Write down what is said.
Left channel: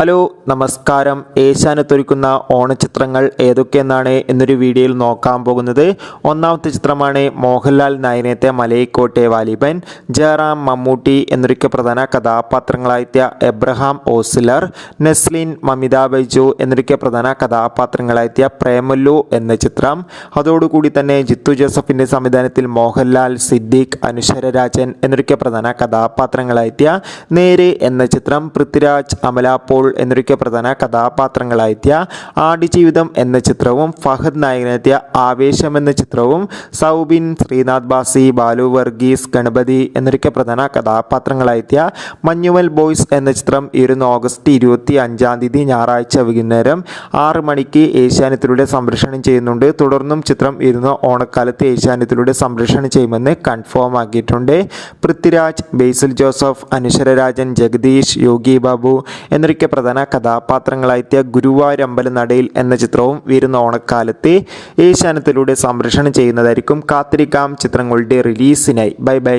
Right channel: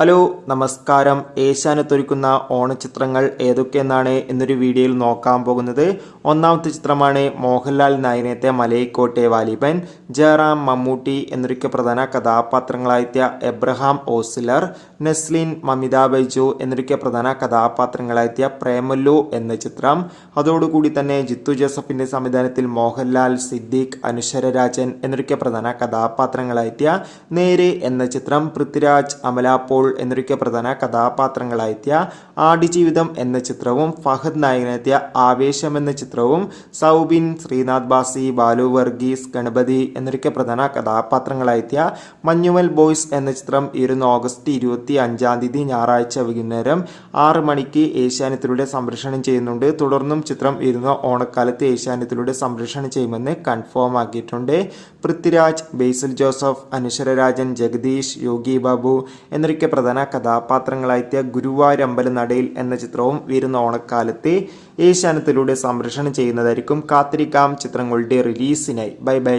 Hello നമസ്കാരം. ഏഷ്യാനെത്തൊരുക്കുന്ന ഓണച്ചിത്രങ്ങൾ ഏതൊക്കെയെന്നാണ് എന്നൊരു വീഡിയോയിൽ നോക്കാൻ പോകുന്നത്. ഒന്നാമത്തെ ചിത്രമാണ് മോഹൻലാൽ നായനത്തെ മലയിക്കോട്ടെ വാലിബൻ ജയറാം മമ്മൂട്ടി എന്നൊരുക്കെ പ്രധാന കഥാപാത്രങ്ങളായ എബ്രഹാം ഓസിലർ നെസ്ലിൻ മമിത ബൈജു എന്നൊരുക്കെ പ്രധാന കഥാപാത്രങ്ങളായ പ്രേമല്ലു എന്ന ചിത്രം. അതോടുകൂടി തന്നെ ജിത്തു ജോസഫിന്റെ സംവിധാനത്തിൽ മോഹൻലാൽ സിദ്ദീഖ് അനുശ്വര രാജൻ എന്നൊരുക്കെ പ്രധാന കഥാപാത്രങ്ങളായ നേര് എന്ന ചിത്രം പൃഥ്വിരാജ് അമല എന്നൊരുക്കെ പ്രധാന കഥാപാത്രങ്ങളായെത്തിയ ആടുജീവിതം എന്ന ചിത്രവും ഫഹദ് നായകനെത്തിയ ആവേശം എന്ന ചിത്രവും സൗബിൻ ശ്രീനാഥ് ബാസി ബാലു വർഗീസ് ഗണപതി എന്നൊരിക്കെ പ്രധാന കഥാപാത്രങ്ങളായെത്തിയ മഞ്ഞുമൽ ബോയ്സ് എന്ന ചിത്രം ഇരുന്ന് ഓഗസ്റ്റ് ഇരുപത്തി അഞ്ചാം തീയതി ഞായറാഴ്ച വൈകുന്നേരം ആറ് മണിക്ക് ഏഷ്യാനെറ്റിലൂടെ സംപ്രേഷണം ചെയ്യുന്നുണ്ട്. തുടർന്നും ചിത്രം ഇരുന്ന് ഓണക്കാലത്ത് ഏഷ്യാനെറ്റിലൂടെ സംപ്രേഷണം ചെയ്യുമെന്ന് കൺഫേം ആക്കിയിട്ടുണ്ട്. പൃഥ്വിരാജ് ബേസിൽ ജോസഫ് അനുശ്വരരാജൻ ജഗദീഷ് യോഗി ബാബു എന്നൊക്കെ പ്രധാന കഥാപാത്രങ്ങളായെത്തിയ ഗുരുവായൂരമ്പല നടയിൽ എന്ന ചിത്രവും വരുന്ന ഓണക്കാലത്തെ ഏഷ്യാനത്തിലൂടെ സംപ്രേഷണം ചെയ്യുന്നതായിരിക്കും കാത്തിരിക്കാം ചിത്രങ്ങളുടെ റിലീസിനായി. Bye bye.